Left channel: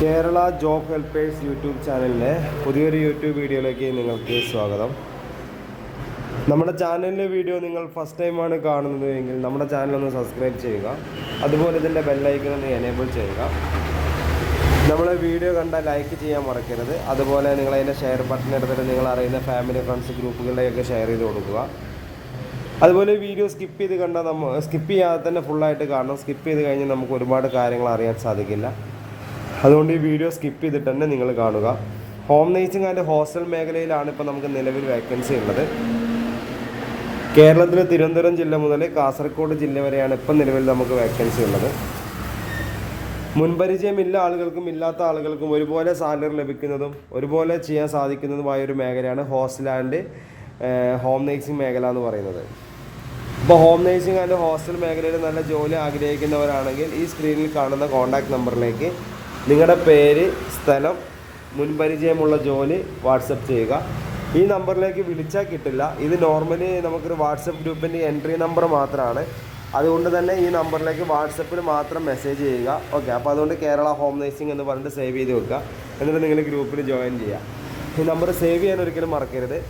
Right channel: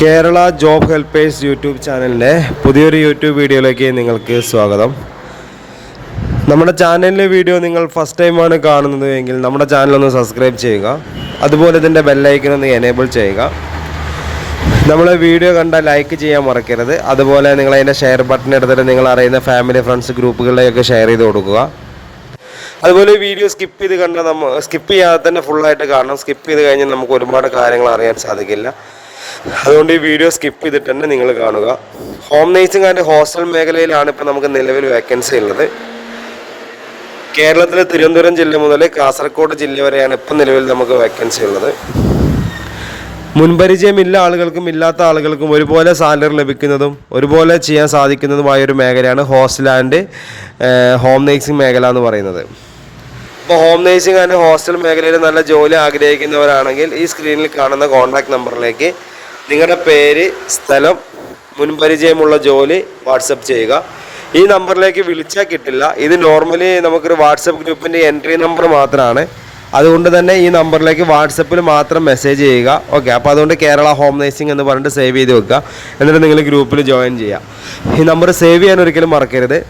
Kerala job helpers YouTube ചാനലിൻ്റെ പുതിയൊരു YouTube വീഡിയോയിലേക്ക് നിങ്ങൾക്ക് സ്വാഗതം. നമ്മുടെ ചാനലിലെ വീഡിയോ നിങ്ങൾ ഫസ്റ്റ് ടൈമാണ് കാണുന്നത് എങ്കിൽ നമ്മുടെ ചാനലൊന്ന് സബ്സ്ക്രൈബ് ചെയ്യുക. അതുപോലെ ഇതിൻ്റെ ബെല്ലൈക്കൺ ഒന്ന് എനേബിൾ ചെയ്യുക. നമ്മളെ വീഡിയോ കണ്ടാൽ ലൈക്ക് ചെയ്യാൻ മറക്കരുത്. അതുപോലെ നിങ്ങളതിൻ്റെ ഷെയർ ബട്ടൺ എടുത്തിട്ട് നിങ്ങൾ അറിയുന്ന ഫാമിലി ഫ്രണ്ട്സ് ഗ്രൂപ്പുകളിലേക്ക് ഷെയർ ചെയ്ത് കൊടുക്കുക. അതുപോലെ വീഡിയോ സ്കിപ്പ് ചെയ്യാതെ തന്നെ ഫുള്ളായിട്ട് കാണണം. സ്കിപ്പ് ചെയ്ത് കഴിഞ്ഞാൽ നമുക്ക് ഒരുപാട് കാര്യങ്ങൾ അറിയാൻ സാധിക്കില്ല. അതുകൊണ്ട് ഈ വീഡിയോ സ്കിപ്പ് ചെയ്തിട്ട് തന്നെ നിങ്ങൾ കാണുക. ഹോം നേഴ്സിംഗ് ആൻഡ് ഹോസ്റ്റൽ മേഖലയിലാണ് ഇപ്പോൾ നമുക്ക് നിലവിൽ വേക്കൻസി ഉള്ളത്. കേരളത്തിലെ തിരുവനന്തപുരം ജില്ല മുതൽ കാസർഗോഡ് ജില്ല വരെയാണ് ഇപ്പം നിലവിൽ നമുക്ക് വേക്കൻസി ഉള്ളത്. മുൻപരിചയമില്ല ആളുകൾക്കും ഇല്ലാത്ത ആളുകൾക്കും ഒരുപോലെ സാലറി ലഭിക്കുന്നതും ഒരുപോലെ ചെയ്യാൻ സാധിക്കുന്നതുമായൊരു മേഖലയാണ് ഹോസ്റ്റൽ ആൻഡ് ഹോം നേഴ്സിംഗ് മേഖല എന്ന് പറയുന്നത്. ഇപ്പോൾ ഹോം നേഴ്സിംഗ് ആൻഡ് ഹോസ്റ്റൽ മേഖലയിൽ നല്ല ജോലി ആഗ്രഹിക്കുന്നവരാണെങ്കിൽ ഈ സ്ക്രീനിൽ കാണുന്ന കോൺടാക്ട് നമ്പറിലേക്ക് നിങ്ങളുടെ പേര്, സ്ഥലം, മുൻപരിചയമുള്ള ജോലി വാട്സപ്പ് ചെയ്യുക. ഈ നമ്പറിലേക്ക് വിളിച്ചാൽ കിട്ടില്ല. ഇത് നോർമലി നമുക്കൊരു വാട്സപ്പ് ഗ്രൂപ്പിൻ്റെ എൻട്രി നമ്പർ മാത്രമാണ്. അതുകൊണ്ട് തന്നെ ഈ നമ്പറിലേക്ക് വാട്സപ്പിൽ മാത്രം മെസ്സേജ് ചെയ്യുക. ഓക്കെ, അപ്പോൾ അതുകൊണ്ട് കേരള ഹോം നേഴ്സിംഗ് എന്ന് പറഞ്ഞിട്ട് സേവ് ചെയ്ത് വെക്കുക. എന്നിട്ട് നിങ്ങൾ ഗ്രൂപ്പിൽ ജോയിൻ ചെയ്യുക. ഈ നമ്പർ സേവ് ചെയ്യാൻ ഒരിക്കലും മറക്കരുത്.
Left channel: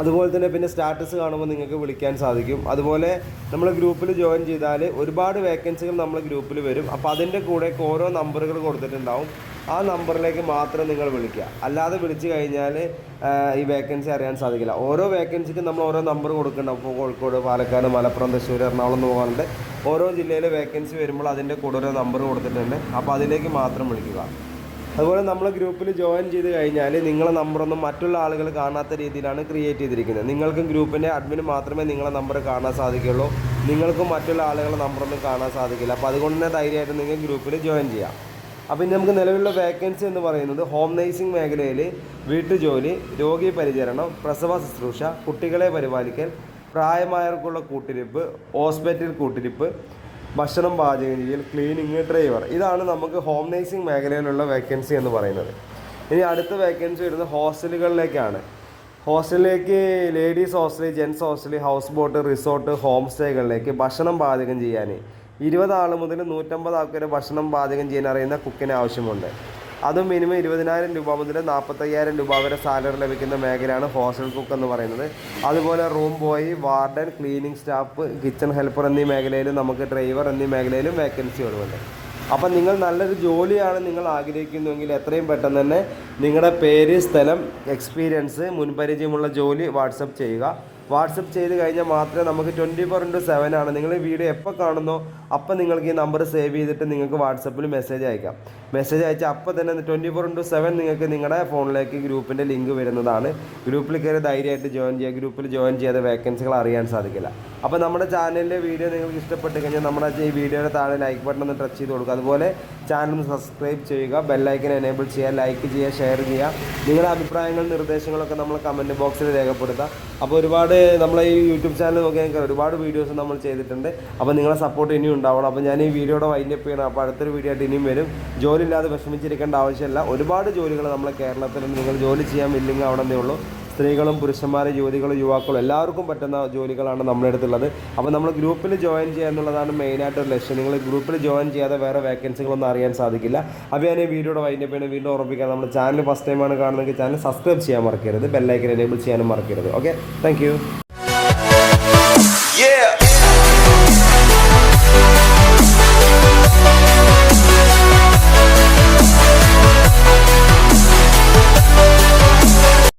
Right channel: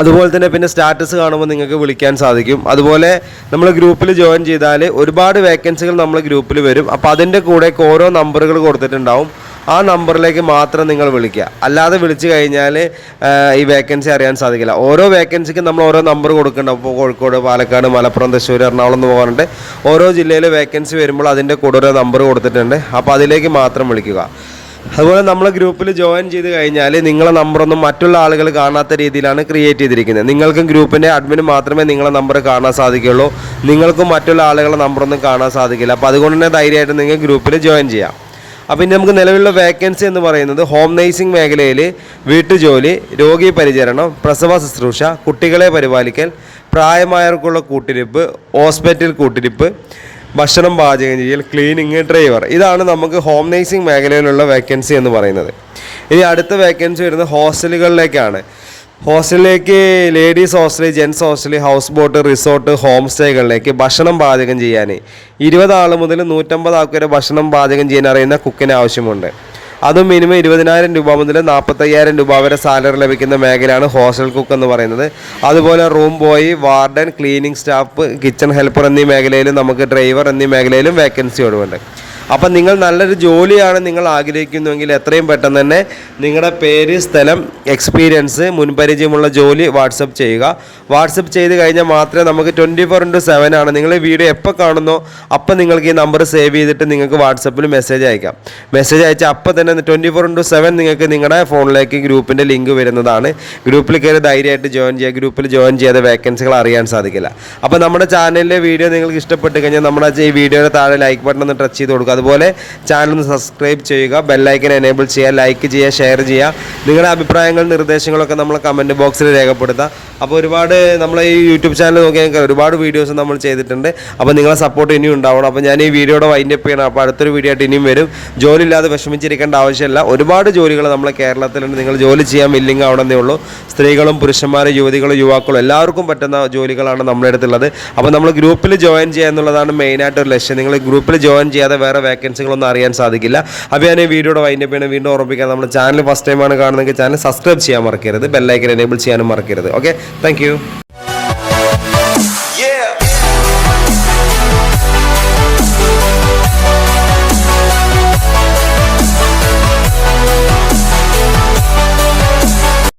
അതുപോലെ തന്നെ പിന്നെ സ്റ്റാറ്റസ് കാണുമ്പോൾ നിങ്ങൾക്ക് വിളിക്കാൻ സാധിക്കും. അതുപോലെ നമ്മൾ ഗ്രൂപ്പിൽ ജോയിൻ ചെയ്താൽ ഒരുപാട് വേക്കൻസികൾ നമ്മൾ ഗ്രൂപ്പിൽ വരും. അപ്പോൾ അതിൻ്റെ കൂടെ ഓരോ നമ്പറുകൾ കൊടുത്തിട്ടുണ്ടാവും. ആ നമ്പറിലേക്ക് മാത്രം നിങ്ങൾ വിളിക്കുക. അല്ലാതെ വിളിച്ചു കഴിഞ്ഞാൽ ഈ വേക്കൻസി അറിയാൻ സാധിക്കില്ല. ഓരോ വേക്കൻസിക്കും നമ്മൾ ഓരോ നമ്പർ കൊടുക്കുന്നുണ്ടാവും. ഇപ്പോൾ കോഴിക്കോട്, പാലക്കാട്, മലപ്പുറം, തൃശ്ശൂർ, എറണാകുളം എന്ന് പറഞ്ഞിട്ട് ഓരോ ജില്ലയിൽ വേക്കൻസി വരുമ്പോൾ അതിൻ്റെ കൂടെ ഓരോ നമ്പർ കൊടുത്തിട്ടുണ്ട്. അപ്പോൾ അതിലേക്ക് മാത്രം വിളിക്കുക. അതുപോലെ നമ്മൾ ഗ്രൂപ്പിൽ ജോയിൻ ചെയ്ത് കഴിഞ്ഞാൽ നിങ്ങളെ നമ്പറൊന്നും മറ്റുള്ള ആളുകൾ കാണാത്ത രീതിയിലാണ് ക്രിയേറ്റ് ചെയ്തിരിക്കുന്നത്. നിങ്ങൾക്കും ഗ്രൂപ്പിൻ്റെ അഡ്മിന് മാത്രമേ നിങ്ങളെ നമ്പർ കാണാൻ സാധിക്കുകയുള്ളൂ. നിങ്ങൾക്കും മറ്റുള്ള ആളുകളുടെ നമ്പറൊന്നും കാണാൻ സാധിക്കില്ല. അപ്പോൾ അതുകൊണ്ട് തന്നെ ധൈര്യമായിട്ട് നിങ്ങൾ ഗ്രൂപ്പിൽ ജോയിൻ ചെയ്യാം. അപ്പോൾ ഇനി നമുക്ക് നിലവിലുള്ള വേക്കൻസി എന്ന് പറയുന്നത് ഹോം നേഴ്സിംഗ് മേഖലയിൽ വീട്ടുജോലി, രോഗി പരിചരണം, പ്രസവ ശുശ്രൂഷ, കുട്ടികളെ പരിപാലിക്കൽ, പ്രായമായവർക്കുള്ള കൂട്ടിരിപ്പ്, ഹോസ്പിറ്റൽ കൂട്ടിരിപ്പ്, ഭക്ഷണം പാചകം ചെയ്യൽ, ക്ലീനിങ്, ഡ്രൈവർ, ഇതാണ് നമുക്ക് ഹോം നേഴ്സിംഗ് മേഖലയിലുള്ള വേക്കൻസി എന്ന് പറയുന്നത്. ഇനി അടുത്ത വേക്കൻസി വരുന്നത് ഹോസ്റ്റലുകളിലേക്കാണ്. ഹോസ്റ്റലിലേക്ക് ladies hostel, gents hostel, house boat, resort, home സ്റ്റേകളിലേക്ക് ഭക്ഷണം പാചകം ചെയ്യാൻ 20 ആൾ മുതൽ 150 ആൾക്ക് വരെ ഭക്ഷണം പാചകം ചെയ്യാൻ അറിയുന്ന കുക്കിന് ആവശ്യമുണ്ട്. അതും മിനിമം 20,000 രൂപ മുതൽ 45,000 രൂപ വരെ സാലറി ലഭിക്കുന്ന മേഖലയാണ് ഹോസ്റ്റൽ കുക്ക് എന്ന് പറയുന്നത്. അതുപോലെ room boy, warden, cleaning staff, kitchen helper എന്നീ മേഖലയിലും നമുക്ക് ഡ്രൈവർ എന്നീ മേഖലയിലും വേക്കൻസി ഒഴിവുണ്ട്. അപ്പം നിങ്ങൾ നല്ലൊരു ജോലിയാണ് നിങ്ങൾ ആഗ്രഹിക്കുന്നുവെങ്കിൽ എത്രയും പെട്ടെന്ന് തന്നെ നിങ്ങളുടെ പേര്, സ്ഥലം, എക്സ്പീരിയൻസ്, മുൻപരിചയമുള്ള ജോലി വാട്സപ്പ് ചെയ്യുക. വാട്സപ്പ് ചെയ്ത് കഴിഞ്ഞാൽ മാത്രമേ നമുക്ക് 24/7 ആണ്. നിങ്ങൾ ഈ വീഡിയോ എപ്പോൾ കാണുന്നോ അപ്പം നിങ്ങൾക്ക് ഈ നമ്പർ സേവ് ചെയ്തിട്ട് നിങ്ങൾക്ക് വാട്സപ്പിൽ മെസ്സേജ് അയക്കാം. മെസ്സേജ് അയച്ചാൽ അപ്പം തന്നെ 24/7 നിങ്ങൾക്ക് നിങ്ങളുടെ ഫോണിലേക്ക് ഗ്രൂപ്പിൻ്റെ ലിങ്ക് വരുന്നതാണ്. ഗ്രൂപ്പിൽ കയറി ധൈര്യമായിട്ട് ജോയിൻ ചെയ്യുക. ഗ്രൂപ്പിൽ ജോയിൻ ചെയ്യാതെ വേക്കൻസികൾ അറിയാൻ സാധിക്കില്ല. അപ്പോൾ നമ്മുടെ ചാനലിലെ വീഡിയോ നിങ്ങൾക്ക് ഇഷ്ടപ്പെട്ട് കഴിഞ്ഞാൽ നമ്മുടെ ഈ വീഡിയോയുടെ താഴെ ലൈക്ക് ബട്ടൺ ഒന്ന് ടച്ച് ചെയ്ത് കൊടുക്കുക. അതുപോലെ ചാനൽ ഒന്ന് സബ്സ്ക്രൈബ് ചെയ്യുക, ബെല്ലൈക്കൻ എനേബിൾ ചെയ്യുക, ലൈക്ക് ചെയ്യുക, ഷെയർ ചെയ്യുക. നിങ്ങളുടെ അഭിപ്രായങ്ങൾ, നിർദ്ദേശങ്ങളൊക്കെ നമ്മൾ കമൻറ്റ് ബോക്സിൽ രേഖപ്പെടുത്താം. അപ്പോൾ ഒരുപാട് നമ്മൾ ഈ യൂട്യൂബ് ചാനൽ നോക്കിയാൽ ഒരുപാട് വീഡിയോസ് നമ്മൾ ചെയ്തിട്ടുണ്ട്. അപ്പോൾ നിങ്ങളെ സപ്പോർട്ട് ഇനിയും ഉണ്ടാവണം. അപ്പോൾ ഞാൻ ഈ വീഡിയോയുടെ വൈൻഡപ്പ് ചെയ്യണം. അപ്പോൾ അടുത്തൊരു വീഡിയോ ആയിട്ട് ഇനിയും വരും. ജോലി ഇല്ലാതെ വിഷമിച്ചിരിക്കേണ്ട ആവശ്യമില്ല. ഒരുപാട് ജോലികൾ നമ്മളെ കേരളത്തിലുണ്ട്. നിങ്ങൾ ജോലി ചെയ്യാൻ വില്ലിങ് ആവണമെന്നേ ഉള്ളൂ. സ്ത്രീകളും പുരുഷന്മാരും യുവതികളും യുവാക്കളും എല്ലാവർക്കും പറ്റുന്ന ജോലികളാണ് നമ്മുടെ അടുത്തുള്ളത്. അപ്പോൾ നമ്മൾ ഗ്രൂപ്പിൽ ജോയിൻ ചെയ്യുക എന്നുള്ളതാണ് മെയിനായിട്ടൊരു ലക്ഷ്യം. നിങ്ങൾ ഗ്രൂപ്പിൽ ജോയിൻ ചെയ്യാതെ വേറെ വേക്കൻസികളൊന്നും അറിയാൻ സാധിക്കില്ല. അപ്പോൾ ഞാൻ ഈ വീഡിയോയുടെ വൈൻഡപ്പ് ചെയ്യണം. വീണ്ടും ഓർമ്മിക്കാം, നമ്മുടെ ചാനൽ ഫസ്റ്റ് ടൈമാണ് കാണുന്നതെങ്കിൽ ചാനൽ സബ്സ്ക്രൈബ് ചെയ്യാൻ മറക്കരുത്, ബെല്ലൈക്കൻ എനേബിൾ ചെയ്യാനും മറക്കരുത്. Okay, thank you.